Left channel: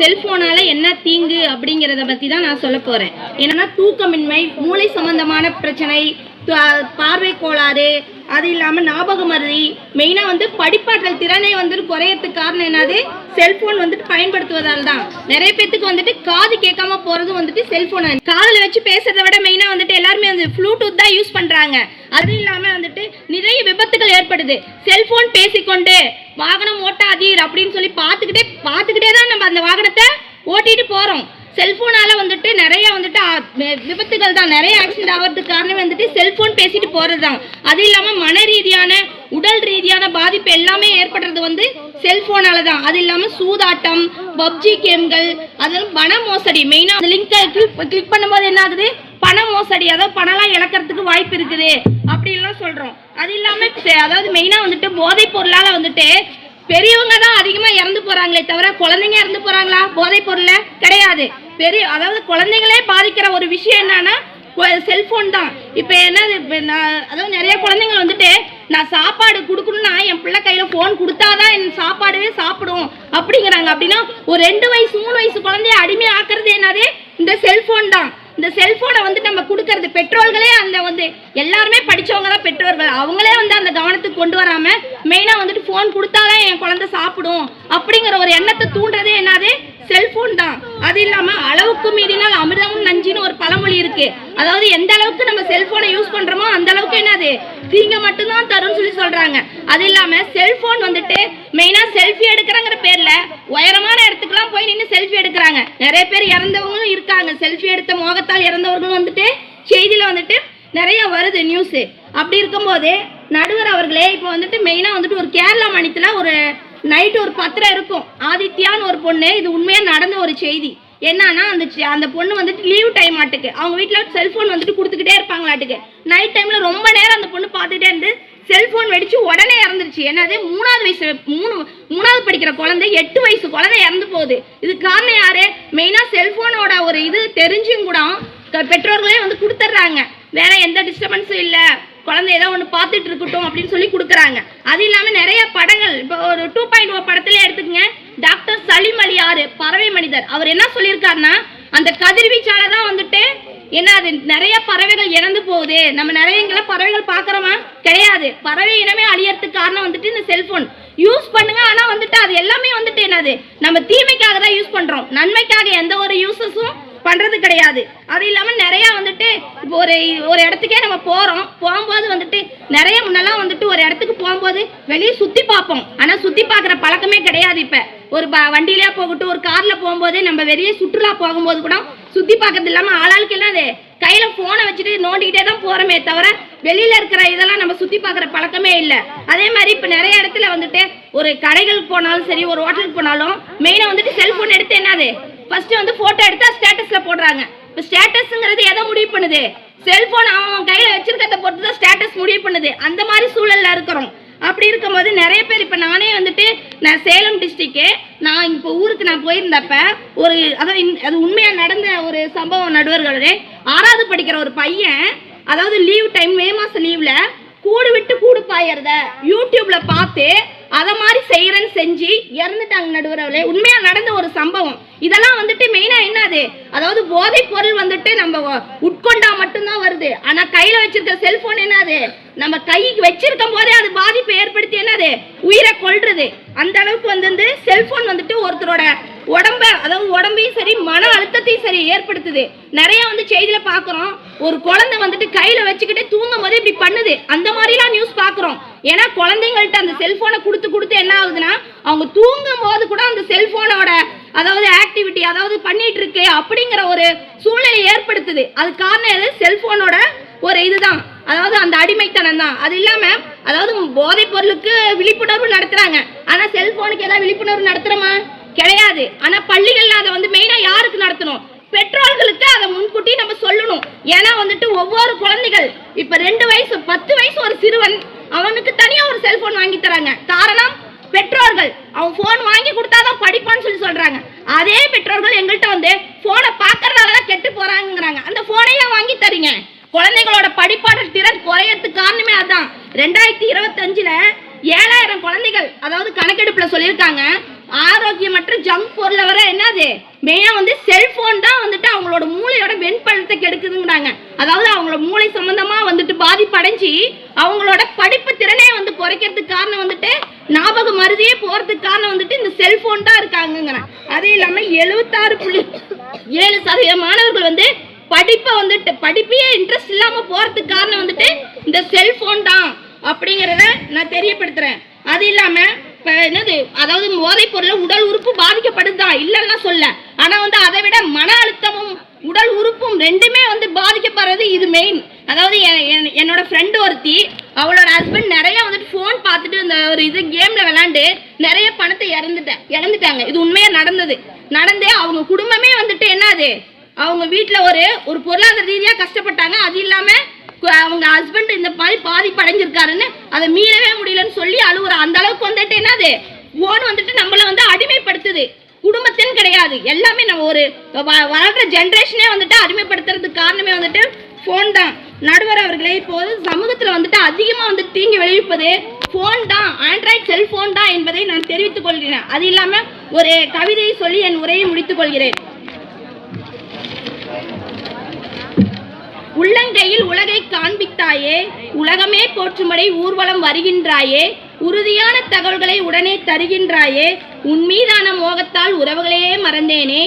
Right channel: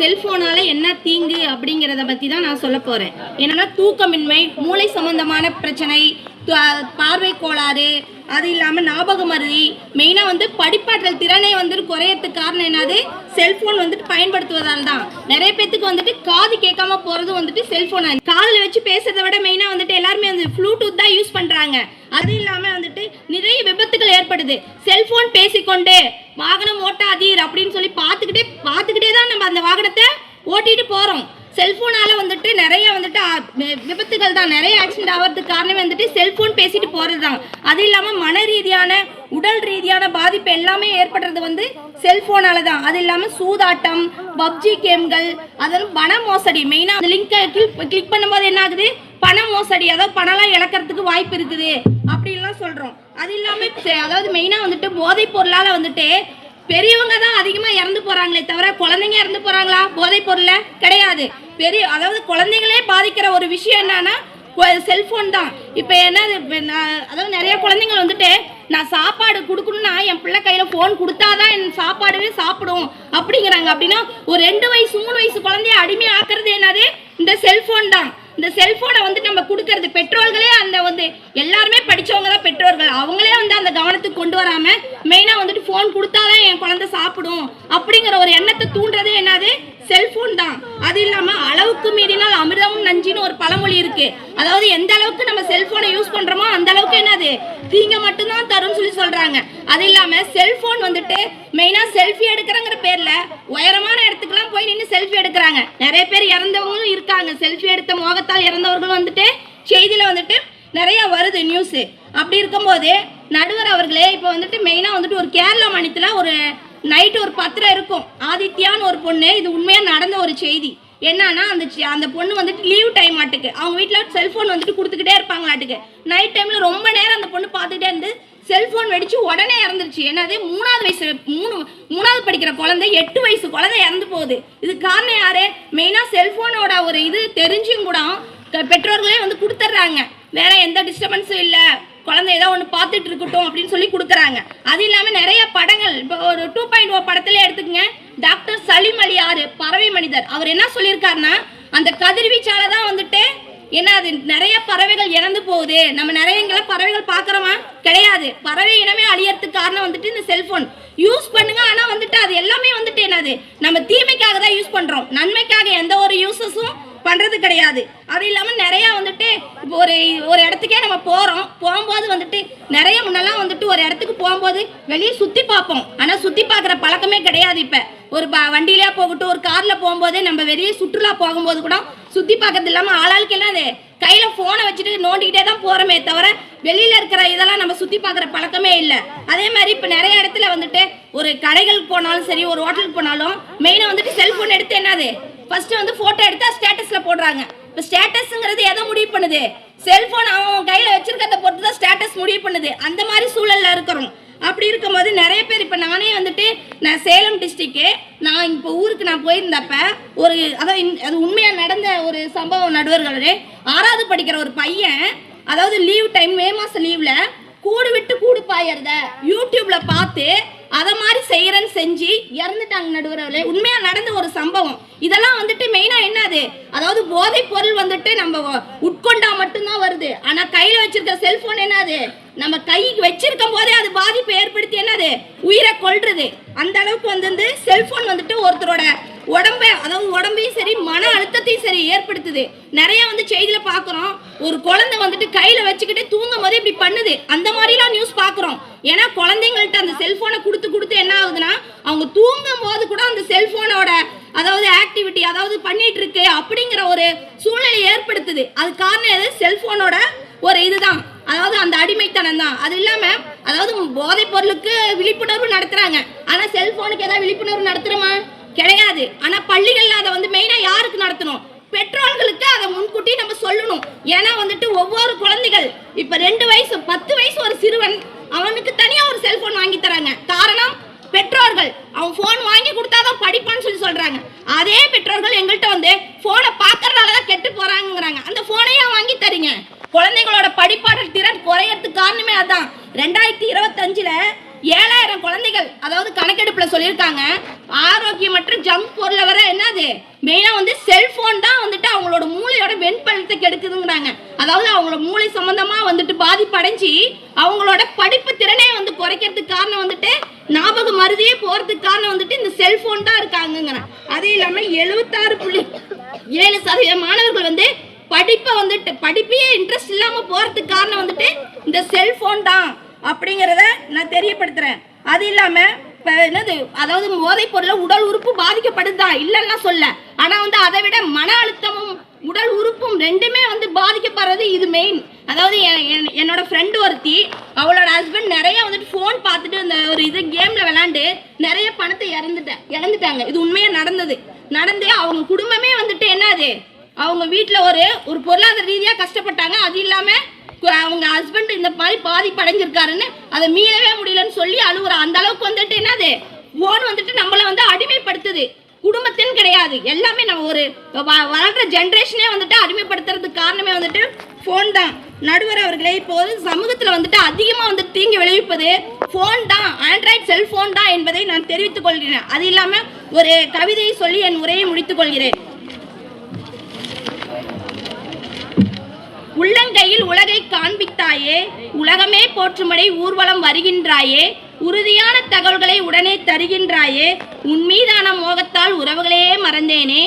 செல்போனால என்ன தீங்கு அப்படிங்கிறத பற்றி தான் நான் சொல்ல போகிறேன். என்னன்னா தூக்கமின்மை, மூளை சம்பந்தமான பிரச்சனை, பார்வை கோளாறு, அது இல்லாமல் ஞாபக மருதி, மெயினாக படிப்பாற்றல் திறனை குறையறதுக்கு காரணம் என்னது, செல்போன் பயன்படுத்துவதால் தான். நிறைய பேத்துக்கு காது கேட்காம போகிறது செல்போன். காதில் வச்சு பேசுறதை விட மெயினாக எல்லாருமே ப்ளூடூத் தான் யூஸ் பண்ணுறாங்க. அது இல்லாமல் நிறைய விபத்துகள் ஏற்படுது. செல்போன் பேசிக்கொண்டு வாகனம் ஓட்டாதீர் அப்படின்னு சொல்லி பார்த்துக்கிட்டே தான் நம்ம அந்த வாகனத்தை ஓட்டிட்டு போகிறோம். செல்போனால நிறைய விபத்துகள் தான், நிறைய ஆக்சிடென்ட் ஆகிறதுக்கு காரணமே செல்போன் பேசிட்டு போறது தான். அது இல்லாம மன ரீதியான, உடல் ரீதியான பாதிப்பு எல்லாமே ஏற்படுறது செல்போனால தான். அது இல்லாம சூதாட்டம், பப்ஜி கேம்கள், அதெல்லாம் பண மோசடி. மெயினா அந்த லிங்கை கிளிக் பண்ணும்போது என்ன ஆகுது, பண மோசடி, அதாவது பணம்லாம் இழக்கிறதுக்கு வாய்ப்பு இருக்குது அப்படின்லாம் சொல்றோம். அது இல்லாம அதாவது மெயினா போதைப் பொருளால பெரியவங்க தான் அதிகமாக இறந்து போறாங்களே தவிர குழந்தைங்க இறந்து போறாங்களா போதைப் பொருள்ல? கிடையாது. அதாவது குழந்தைங்களே பாதிக்கிற ஒரு விஷயம் என்னன்னா செல்போன் தான். இப்போ என்ன, அதாவது நிறைய குழந்தைங்கள் நான் சாப்பாடு கொடுக்கணும்னா என் பிள்ளை கையில போன் கொடுத்தாதான் என் சாப்பாடுவே சாப்பிடும் அப்படிங்கிறாங்க. அப்படின்னா ஒரு 2 வயசு 3 வயசு குழந்தைய அடிமை ஆக்குறது என்னது, இந்த செல்போன் தான். இந்த செல்போனை நம்ம கொடுக்கறது பெற்றோர்களே, அந்த எல்லாருமே படிச்சவங்க தான் பெற்றோர்கள், அவங்களே அந்த கவனத்துக்கு கொண்டு வராம மெயினா போன் கொடுத்தாதான் என் குழந்தை சாப்பிடும் அப்படிங்கிற ஒரு எண்ணத்தை தூண்டுறதே என்னது, செல்போன் தான். அது இல்லாம அளவுக்கு மீறினால் அமிர்தமும் நஞ்சின்னு ஒரு பழமொழி இருக்கு. அதாவது எந்த அளவுக்கு நம்ம செல்போனை யூஸ் பண்றோமோ அந்த அளவுக்கு என்னது, தீங்க மட்டும்தான் தரும்னு சொல்லி சொல்றாங்க. அது இல்லாம செல்போன் மெயினா செல்ஃபி எடுக்கிறங்கிற பேர்ல உயரமான இடத்துக்குலாம் போய் நின்று செல்ஃபி எடுக்கிறாங்க. நிறைய பேர் இறந்தவங்களும் இருக்காங்க. செல்ஃபி எடுத்த மோகத்தால் இறந்தவர்களும் செய்தியில நிறைய வருது நியூஸ். அப்படி இருக்கும்போது நடுவர் அவர்களே, இப்போ மெயினா ஒரு கேரளா மாநிலத்தில் ஒரு நைட்டு ஒரு பத்திரம் இருக்கும். ஆதித்யான்னு ஒரு பொண்ணு, இது உண்மையா நடந்த ஒரு செய்தி. என்னன்னா அந்த பொண்ணு லீவ் டைம் ஆட்டுக்கு அவங்க வீட்டில் செல்போன் கொடுத்துக்கிட்டே இருப்பாங்களாட்டுக்கு. நைட் டைம்ல ரொம்ப நேரம் அந்த பொண்ணு பார்த்துக்கிட்டே இருந்து செல்போன் வெடிச்சு உடனே இறந்துருச்சு. என்னது, 3வது படிக்கிற குழந்தை, 8 வயசு குழந்தை இறந்து போகுது. இது காரணம் யாரு, மெயினா செல்போனோட ஒரு இது தெரிஞ்சும் கூட பெற்றோர்களே கொடுத்துட்றாங்க. வேற எந்த டிஸ்டர்பன்ஸும் இல்லை, குழந்தை ஏதோ ஒன்று பார்த்துட்டு இருக்கட்டும் அப்படின்னு சொல்லி கொடுக்குறாங்க. அது இல்லாமல் நிறைய படங்கள், இப்போ ஒரு 2.0 படத்துல எடுத்துக்கங்க, டாக்டர் சலீம் அலி யாரு, பறவை மனிதர், அவர் என்ன சொல்லியிருக்காருன்னா, அந்த கதிர்வீச்சால தான் என்ன அது நிறைய பறவைகள் இறந்து போகுது. நம்ம நிறைய பறவைகள் பார்க்குறோமா? கிடையாது. பறவை இனமே அழியறதுக்கு காரணம் இந்த செல்போன். யூஸ் பண்ணுங்க, ஆனா அது எல்லாமே என்னது, நம்ம தீமைக்காக தான் யூஸ் பண்றோம், நன்மைக்காக எந்த ஒரு யூஸஸும் பண்றது கிடையாது. அது இல்லாம நிறைய இப்போ ஒரு இடத்துக்கே நம்ம போகும்போது நிறைய முன்னெல்லாம் ஒரு இடத்துக்கு போகும்போது வெளியே சுத்தி பார்ப்போம். ஆனா சுத்தி பார்க்குற பழக்கமே கிடையாது. இப்ப ஒரு வண்டியிலே போகட்டும், ஒரு கார்ல போகும்போதே நம்ம வெளியே சுற்றுலா போகும்போது கூட சுத்தி பார்க்கறது இல்லாம ஆளாளுக்கு எல்லாம் கையில போனை வச்சுட்டு நோண்டிக்கிட்டே தான் போறோமே தவிர வெளியில இருக்கிற இதெல்லாம் நம்ம சுத்தி பார்க்குற பழக்கமே இல்லை. அதே மாதிரி இப்ப நிறைய இடத்துல ஒரு கடைகளுக்கு போனாலும் சரி, ஒரு ஹோட்டலுக்கு போனாலும் மெயினா செல்போன் எடுத்து என்னது, ஃபர்ஸ்ட் போட்டோ எடுத்தா ஸ்டேட்டஸ்ல போடுறாங்க. இப்போ ஸ்டேட்டஸ்ங்கிறது எதை முடிவு பண்ணுது, செல்போன் அவன் கையில வச்சிருக்கிறத பொறுத்து தான் ஸ்டேட்டஸ் முடிவு பண்ணுது. அந்த மாதிரி சூழல்ல இருக்கிறோம். அப்படி இருக்கும்போது நிறைய பேர், இப்போ நானே நான் சேலம் டிஸ்ட்ரிக்ட், நான் இப்போ ஊருக்கு நான் போயிருந்தப்ப ஒரு அது உண்மையா நடந்த ஒரு சம்பவம். நடுவர்களே, 6வது படிக்கிற ஒரு பையன், அதாவது லீவ் டைம், மே மாசம் லீவ்ல கூடு விட்டு கூடு பாயறத யூடியூப்ல பார்த்து அதை மாதிரி செய்யறேன்னு செஞ்சு இறந்துட்டாங்க. நடுவர்களே, உண்மையா நடந்த ஒரு சம்பவம். இதெல்லாம் மெயினா என்னது, அதாவது போதைப் பொருள் நம்ம உட்கொண்டா மட்டும்தான் வருது. ஆனா கையில வச்சிருக்க செல்போன் என்னது, நம்ம கைக்கு வச்சிருக்கும் போதே அது பாதிப்பு ஏற்படுத்தி என்னது, உயிரை கொல்றது. அந்த அளவுக்கு செல்போன் ஒருத்தரோட உடம்பையும் சரி, மன அழுத்தத்தையும் சரி ஏற்படுத்துது. நிறைய செய்தியில பாக்குறோம், ஒரு குழந்தை கையில வச்சுக்கிட்டே தூங்கும் போது இப்படி பண்ணுது. அந்த மாதிரிலாம் நியூஸ் பாக்குறோம். ஏன்னா குழந்தைங்கள்ட்ட அந்த செல்போனை கொடுத்து என்ன ஆகுதுன்னா, அவங்க தூங்கும் போது கூட அந்த செல்போனோட ஆக்டிவிட்டி பண்ணிட்டு இருக்கு அப்படிங்கிற ஒரு சூழ்நிலை ஏற்படுத்துது. அது காரணம் எது, செல்போனோட ஒரு இதுதான், அந்த அடிமைத்தனம் தான். அது இல்லாம போதைப் பொருளுக்கு விழிப்புணர்வு நடத்துறாங்க. ஆனா செல்போனுக்கு ஏதாவது விழிப்புணர்வு நடத்துறோமா? கிடையாது. ஆனா பள்ளிகள்ல அதை மெயினா யாருக்கு நடத்தணும், பெற்றோர்களுக்கு அதை முன்கூட்டி நம்ம சொல்லணும். ஏன்னா ஒவ்வொரு குழந்தைகள், இப்ப 2 வயசு 10 வயசு ஒரு சிறுவன், அவனுக்கு தனியா ஒரு செல்போன் வாங்கி தராங்க. காரணம், பெற்றோர்கள் அவன் போன் வாங்கி கொடுத்தாதான் படிப்பான்னு சொல்லி சொல்றாங்க. அதே பெற்றோர்கள் எங்கள்கிட்ட போனை பாக்குறதுனாலதான் கெட்டு போறாங்கிறாங்க. அந்த போனையா வாங்கி தரீங்க? குழந்தைகளோட படிப்பாடல் திறன் குறையறதுக்கு காரணமே அதான். 2025ல 7000 குழந்தைகள், அதாவது கணக்கெடுப்புல சொல்லியிருக்காங்க, ஆரோக்கியமற்ற ஜங்க் பொருளை வர என்னது மெயினாக வந்து செல்ஃபோன் தான் வந்துட்டு அவங்களோட மூளையோட வெண்பழத்தை கெடுக்குதுங்கிறாங்க. அதாவது அவங்களோட மூளை சம்பந்தமாக வந்துட்டு பாதிப்படைஞ்சு அவங்களோட படிப்பு திறனே வந்து குறைக்கிறதுக்கு காரணம் வந்துட்டு ஞாபக மருதியே போகிறதுக்கு காரணம் வந்துட்டு இந்த செல்ஃபோன் தான் இருக்காங்கங்கிறேன். அது இல்லாமல் 76.7% மாணவர்கள் வந்து படிப்பை வந்துட்டு படிப்பையே இன்ட்ரெஸ்ட் இல்லாமல் போகிறதுக்கு காரணம் வந்துட்டு இந்த செல்ஃபோன் தான் அப்படிங்கிறத நான் தெரியப்படுத்துகிறேன். அது இல்லாமல் இப்போ என்னது அதாவது போதைப் பொருளை உடல் உறுப்பு பாதிக்கப்படுதுதான் இல்லைன்னா சொல்ல, ஆனால் வந்து அதை விட மன அழுத்தமும் உடல் உறுப்பும் ரெண்டுமே வந்து பாதிக்கப்படுறது இது மெயின். அதாவது என்னோட ஃப்ரெண்டு ஒருத்தி அவளோட ஹஸ்பண்ட் நிறைய வந்துட்டு ஃபோன் பார்த்துட்டு இந்த ஒரு இது கேமில் விளாண்டு நிறைய பணத்தை இழந்துட்டாங்க. இது உண்மையாக நடந்து அவங்க குடும்பமே வந்துட்டு என்னது அவங்க வீட்டில் ஒரு பொருளாதார ரீதியாக கஷ்டப்பட்டாங்க. அது இல்லாமல் அவங்க ஹஸ்பண்ட் இந்த மாதிரி பாதிப்படைஞ்சிருக்காருன்னு அதை மீறவே முடியலன்னு சொல்லி அழுகுற அந்த அளவுக்கு வந்துட்டு என்னது ஃபோன் வந்துட்டு நம்மளை வந்து அடிமைப்படுத்துது. குடும்பத்தின் கிடையாது, எல்லாமே நம்ம ஒரு வளர்ற ஜென்ரேஷனே வந்துட்டு அடிமைப்படுத்துறதுக்கு காரணமே வந்துட்டு ஃபோன் தான். நடுவர் அவர்களே, இப்போது சமூகத்தில் வந்துட்டு அதிகமாக வந்துட்டு தீங்கு விளைவிப்பது ஃபோன் தான், ஆண்ட்ராய்ட் செல்ஃபோன் தான் என்பதை நான் தெரிவித்துக் கொள்கிறேன். அது இல்லாமல் ஒரு கவிதையை சொல்லி என் உரையை முடித்துக் கொள்கிறேன். உள்ளங்கையில் உலகை காண்பித்தாயே, உலகமே போற்றும்படி ஊர்வலம் வருகின்றாயே, உறுதியான தகவல்களை உடனே தருகின்றாயே, உன் மீதான மோகத்தால் உறவுகளையே மறந்தேனே,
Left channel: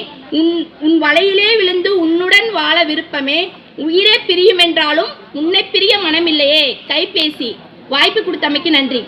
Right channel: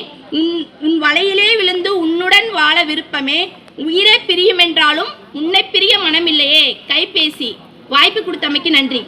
உன் வலையிலே விழுந்து உன்னுடன் வாழ விருப்பமே, உயிரை பிரியும் என்றாலும் உன்னை பிரிய மனமில்லையே. கைபேசி. வாய்ப்பு கொடுத்தமைக்கு நன்றி.